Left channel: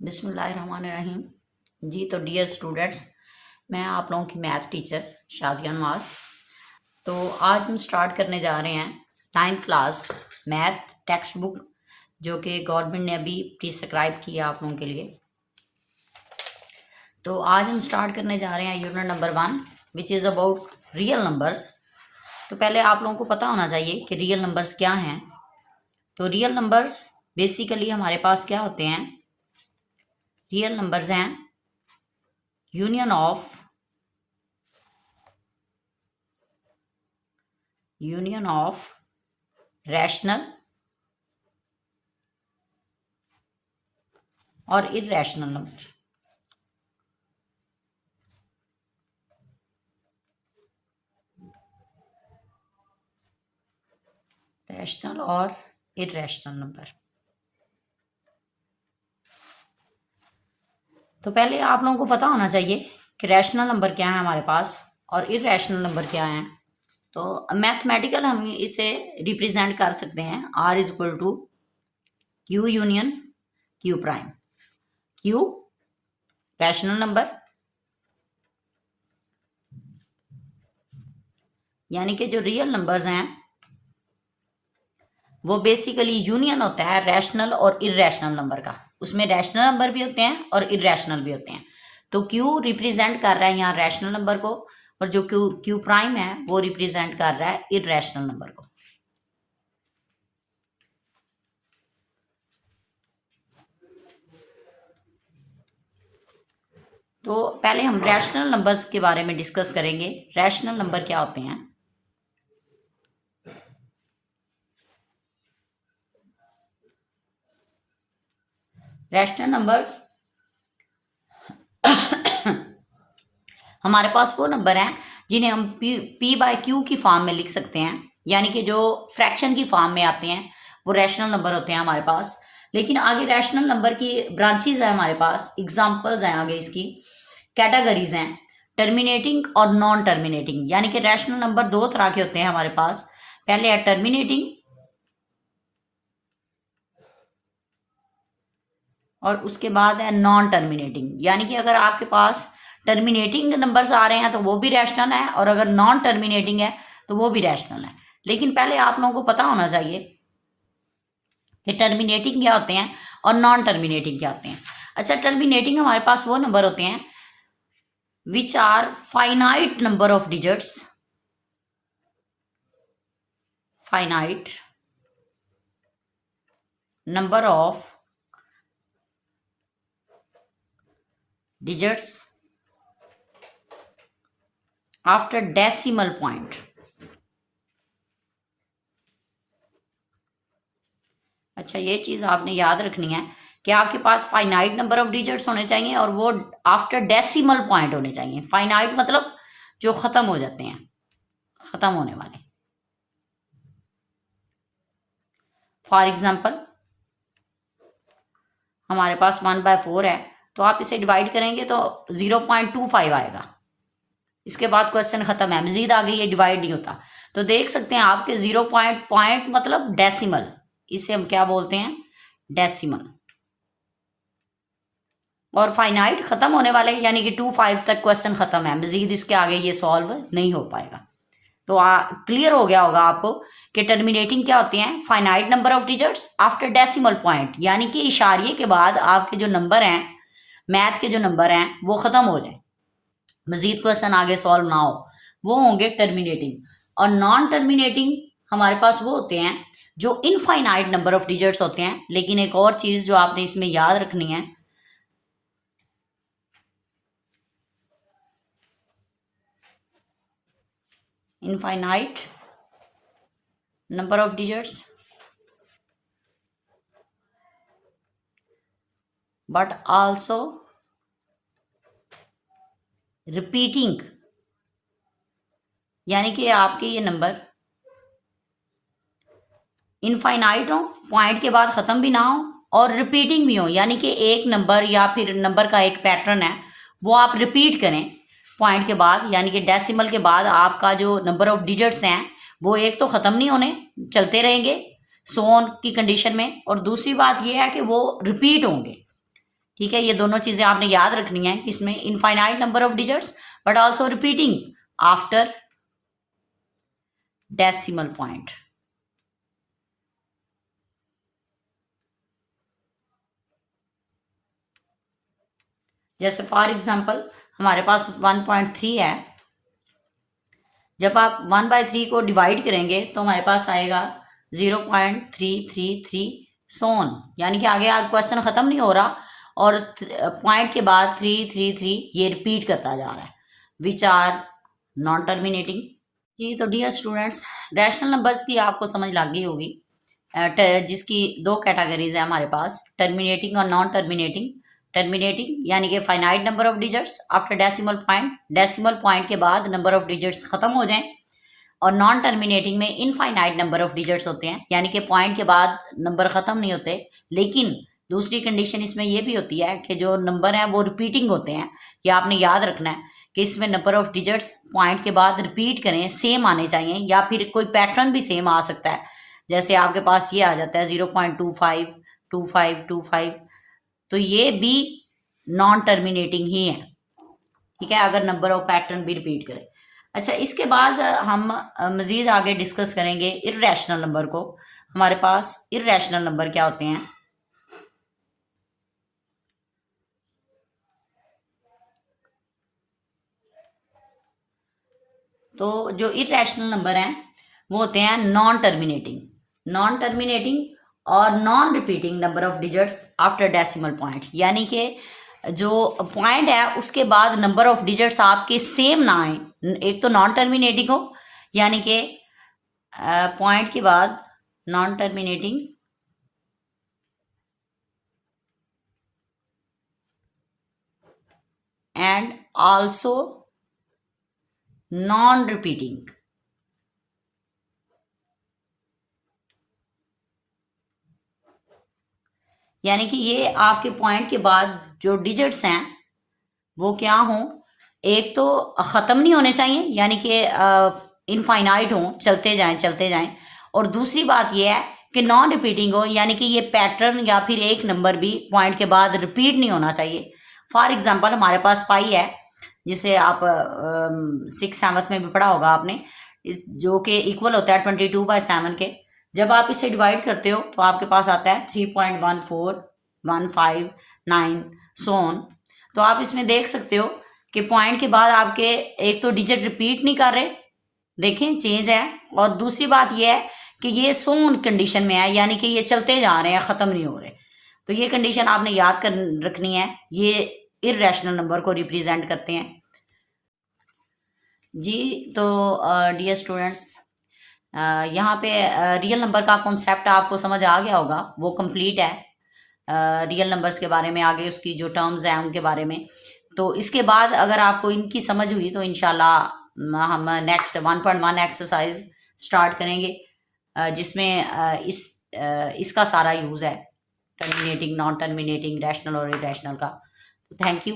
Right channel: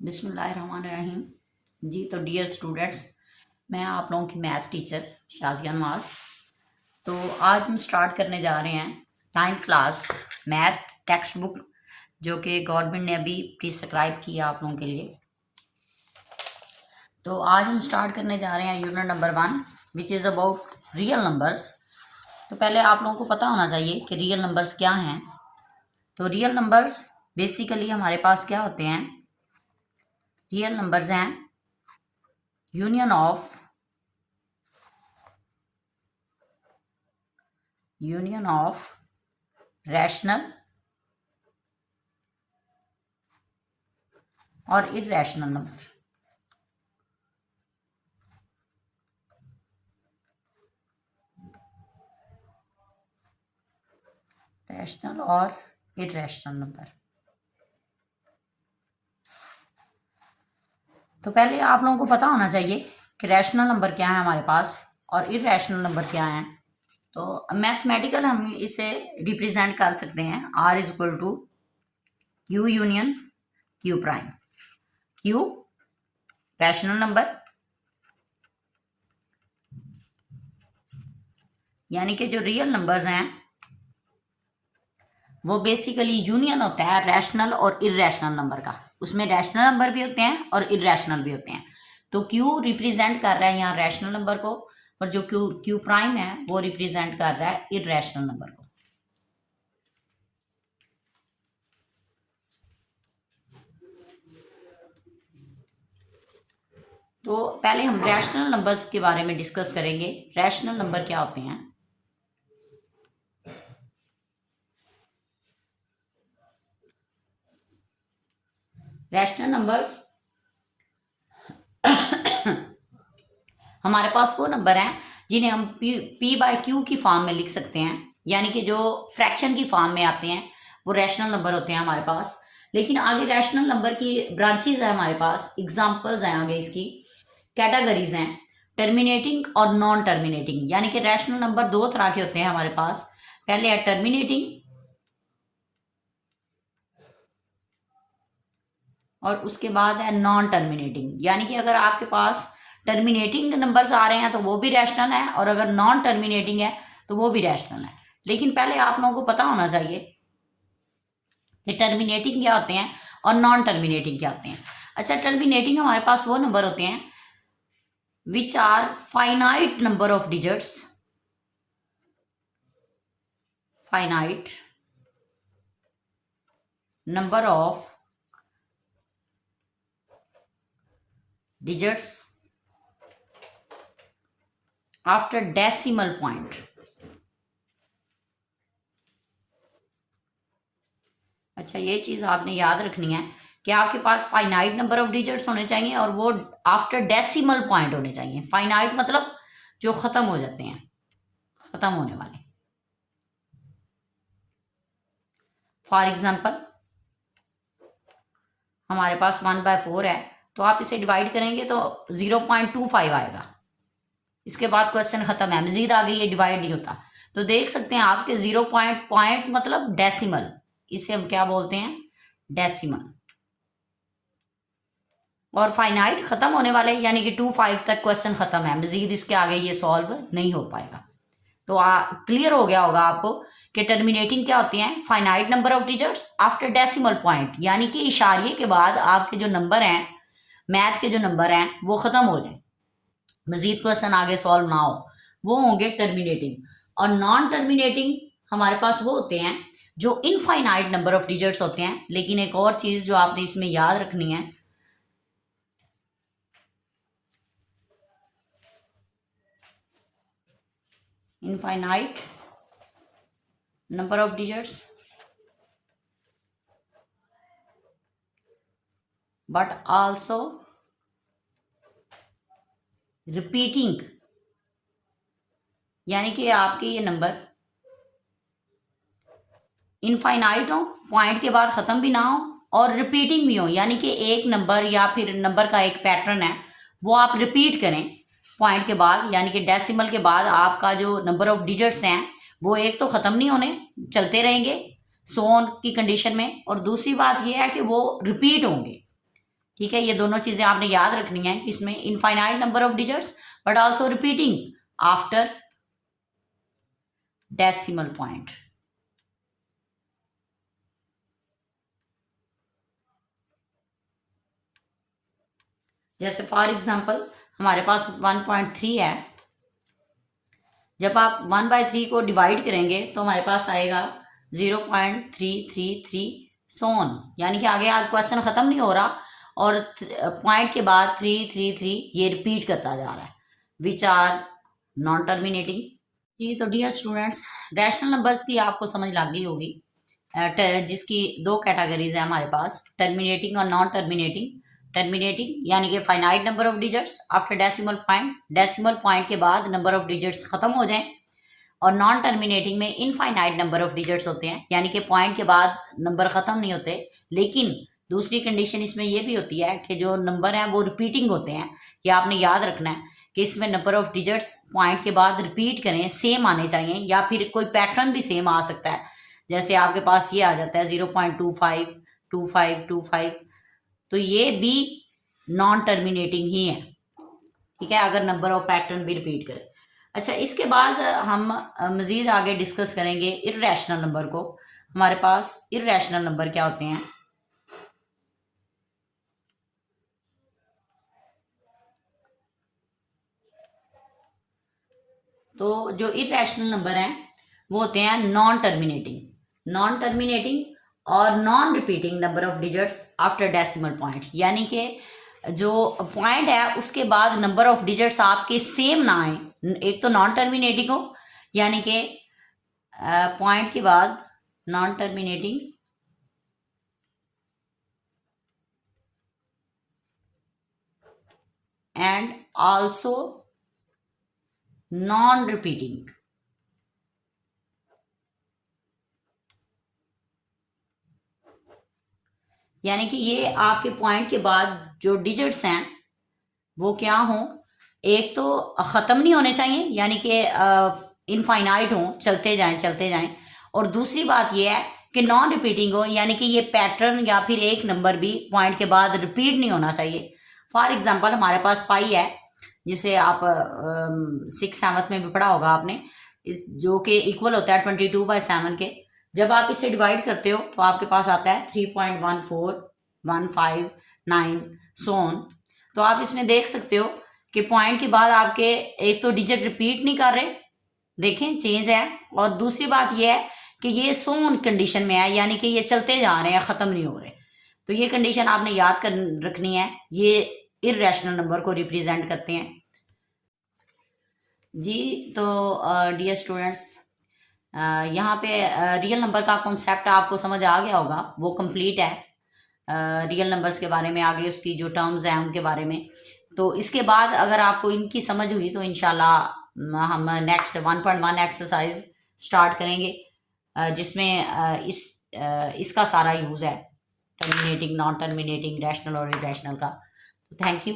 बिस्मिल्लाहिर्रहमानिर्रहीम। जी तो dear students, मैं आप लोगों की मैथ टीचर शाजिया नवाज। तो आज हम स्टार्ट करने जा रहे हैं 9th class math text book, जो कि गवर्नमेंट ने अभी प्रिस्क्राइब किया आप लोगों के लिए। तो आज हम स्टार्ट करने जा रहे हैं unit number 1 which is about real numbers. तो पहले आप लोगों को पता होना चाहिए कि रियल नंबर्स क्या हैं। तो रियल नंबर्स बेसिकली हमारे पास क्या होते हैं। रियल नंबर्स हैं यूनियन ऑफ रैशनल और इर्रेशनल नंबर। रैशनल और इर्रेशनल नंबर। तो पहले आप लोगों को पता होना चाहिए कि रैशनल नंबर क्या है हमारे पास और इर्रेशनल नंबर क्या है। तो मैथमेटिकल हम इसे रिप्रेजेंट कर सकते हैं R is equal to Q union Q prime. Q rational number, यानी कि जो रियल नंबर्स हैं वो बेसिकली यूनियन होता है रैशनल और इर्रेशनल नंबर का। उसमें रैशनल नंबर भी होते हैं और इर्रेशनल भी होते हैं। तो Q रिप्रेजेंट कर रहा है यहाँ रैशनल नंबर को, और जो Q प्राइम है वो रिप्रेजेंट कर रहा है इर्रेशनल नंबर को। तो पहले हम रैशनल नंबर्स के बारे में डिस्कस करेंगे। रैशनल नंबर क्या होते हैं। रैशनल नंबर्स हमारे पास वो नंबर हैं जिन्हें हम P/Q की फॉर्म में लिख सकते हैं, यानी कि जो फ्रैक्शन की फॉर्म में आते हैं वो रैशनल नंबर होते हैं हमारे पास। लेकिन आगे रैशनल नंबर की ब्रांचेज है हमारे पास, एग्जांपल्स हैं आगे इसकी, कैटेगरीज हैं टर्मिनेटिंग और नॉन टर्मिनेटिंग। यानी कि रैशनल नंबर दो तरह के होते हैं हमारे पास। पहले है टर्मिनेटिंग और उसके बाद है नॉन टर्मिनेटिंग। यानी कि अगर आपके पास टर्मिनेटिंग नंबर्स आ रहे हैं तो वो भी रैशनल है, और अगर नॉन टर्मिनेटिंग है तो वो भी रैशनल है। लेकिन पहले आप लोगों को पता होना चाहिए कि टर्मिनेटिंग क्या होते हैं और नॉन टर्मिनेटिंग क्या होते हैं। अच्छा, टर्मिनेटिंग हमारे पास वो नंबर होते हैं which are finite number of digits, finite number of digits after decimal point. अच्छा, ये चीज़ आपने याद रखनी है कि आपके पास फाइनाइट नंबर ऑफ डिजिट्स होने चाहिए और वो आफ्टर डेसिमल पॉइंट होने चाहिए। फाइनाइट मतलब जो ख़त्म हो जाते हैं, ख़त्म होने वाले। फॉर एग्जाम्पल हमारे पास 1/4 है, तो आप इसे डिवाइड करेंगे तो 0.25 आएगा। इसके बाद क्वेश्चन ख़त्म है, मजीद आगे ये डिवाइड नहीं होता। तो देख सकते हैं आपके 0 पॉइंट मतलब डेसिमल, इसे हम क्या बोलते हैं, डेसिमल। और फाइनाइट ख़त्म होने वाले यानी कि 25 तक क्वेश्चन ख़त्म है, मजीद इसके आगे ये सॉल्व नहीं हो पाएगा। तो क्लियर हो गया होगा आपको कि टर्मिनेटिंग क्या होती हैं, finite number of digits after decimal point, यानी कि इशारिये के बाद आपके जो नंबर हैं, मैथ के जो नंबर हैं वो ख़त्म हो जाए, मजीद क्वेश्चन आगे सॉल्व ना हो, वो होंगे टर्मिनेटिंग। और नॉन टर्मिनेटिंग हमारे पास वो होते हैं जो इनफाइनाइट नंबर ऑफ डिजिट्स होते हैं। लेकिन एक और चीज़ जो आपने इसमें याद रखनी है, infinite number of digits but also repeating, यानी कि आपके ये नंबर इनफाइनाइट हो, पॉइंट के बाद ख़त्म भी ना हो, और रिपीटिंग भी हो, यानी कि एक नंबर या फिर नंबर का एक पैटर्न है वो आप रिपीट करें पॉइंट के बाद, यानी कि डेसिमल के बाद आपका जो नंबर ऑफ डिजिट्स हैं वो एक तो ख़त्म नहीं होने, चलते रहेंगे सो ऑन की कंडीशन में, और दूसरी बात ये है कि वो रिपीट होंगे। ठीक है, ये दोनों चीज़ें आपने याद रखनी है, किसमें, infinite number of digits but also repeating after decimal point. जैसे फॉर एग्जांपल हमारे पास 1.3 है, जब आप 1/3 को डिवाइड करेंगे तो हमारे पास आएगा 0.333 सोन, यानी कि आगे आप क्वेश्चन ख़त्म नहीं हो रहा और पॉइंट के बाद 333 ये रिपीट करता जा रहा है, विच आर नॉन टर्मिनेटिंग। जी तो डियर स्टूडेंट्स, रैशनल नंबर्स की आपको समझ लग गई होगी, जिसकी दो कैटेगरीज है हमारे पास, टर्मिनेटिंग और नॉन टर्मिनेटिंग। टर्मिनेटिंग यानी कि finite number of digits after decimal point के बाद नंबर ऑफ डिजिट्स खत्म हो जाएं, और नॉन टर्मिनेटिंग में इनफाइनाइट नंबर ऑफ डिजिट्स होते हैं, यानी कि पॉइंट के बाद नंबर खत्म नहीं होते, लेकिन दूसरी कंडीशन इसमें यह भी होती है कि जो नंबर हैं वो रिपीटिंग होते हैं। ये आपने याद रखना है कि इसमें नंबर ऑफ डिजिट्स पॉइंट के बाद रिपीट करें, सेम आने चाहिए, या फिर कोई पैटर्न भी सेम आ सकता है। जैसे आपके पास ये आ जाता है 0.25 25 25, तो ये भी नॉन टर्मिनेटिंग ही है, ठीक है, अगर नंबर ऑफ पैटर्न भी रिपीट करें। अच्छा, इसके बाद हम मज़ीद आगे डिस्कस करेंगे इर्रेशनल नंबर को। हमारे पास इर्रेशनल नंबर क्या होते हैं। तो जो इर्रेशनल नंबर हैं वो होते हैं नॉन टर्मिनेटिंग और non repeating number of digits after decimal point, यानी कि जो पॉइंट है उसके बाद नंबर ऑफ डिजिट्स आपके सेम ना आए। एक तो नॉन टर्मिनेटिंग हो, यानी कि पॉइंट के बाद non terminating and also known repeating, यानी कि ये आपके पॉइंट के बाद जो डिजिट्स हैं वो क्या हों, एक तो ख़त्म नहीं होने चाहिए, यानी कि इनफाइनाइट हों, चलते जाएं, और दूसरी बात ये है कि नॉन रिपीटिंग हो, यानी कि ये पैटर्न या फिर एक नंबर भी पॉइंट के बाद रिपीट नहीं होना चाहिए। फॉर एग्जांपल हमारे पास पाई है, जिसे आप 6th 7th में भी पढ़ा होगा आपने, इस जो कि इक्वल होता है 22/7 के। जब आप इसे डिवाइड करते हो तो आपके पास आता है 3.1415 सोन। तो आप इसमें देख सकते हो कि पॉइंट के बाद आपके एक तो डिजिट रिपीट नहीं कर रहे, देखें चेंज है, और दूसरी बात यह है कि ये सोन कंडीशन में है, यानी कि ये चलते जा रहे हैं, ख़त्म नहीं हो रहे। तो ये कंडीशन आपने याद कर रखनी है, ये इर्रेशनल नंबर को रिप्रेजेंट करते हैं। जी तो डियर स्टूडेंट्स, यहाँ पे रियल नंबर का कॉन्सेप्ट आपको समझ आ गया होगा, वो कंप्लीट है रियल नंबर्स के बारे में, आगे उसकी जो टर्म्स हैं उनके बारे में। तो इसके बाद अगर आपको इनकी समझ हुई तो इंशाल्लाह हम नेक्स्ट 1.1 एक्सरसाइज स्टार्ट करेंगे, जिसमें इसका सारा यूज़ है, टर्मिनेटिंग, नॉन टर्मिनेटिंग, रैशनल और इरेशनल का। तो थैंक यू।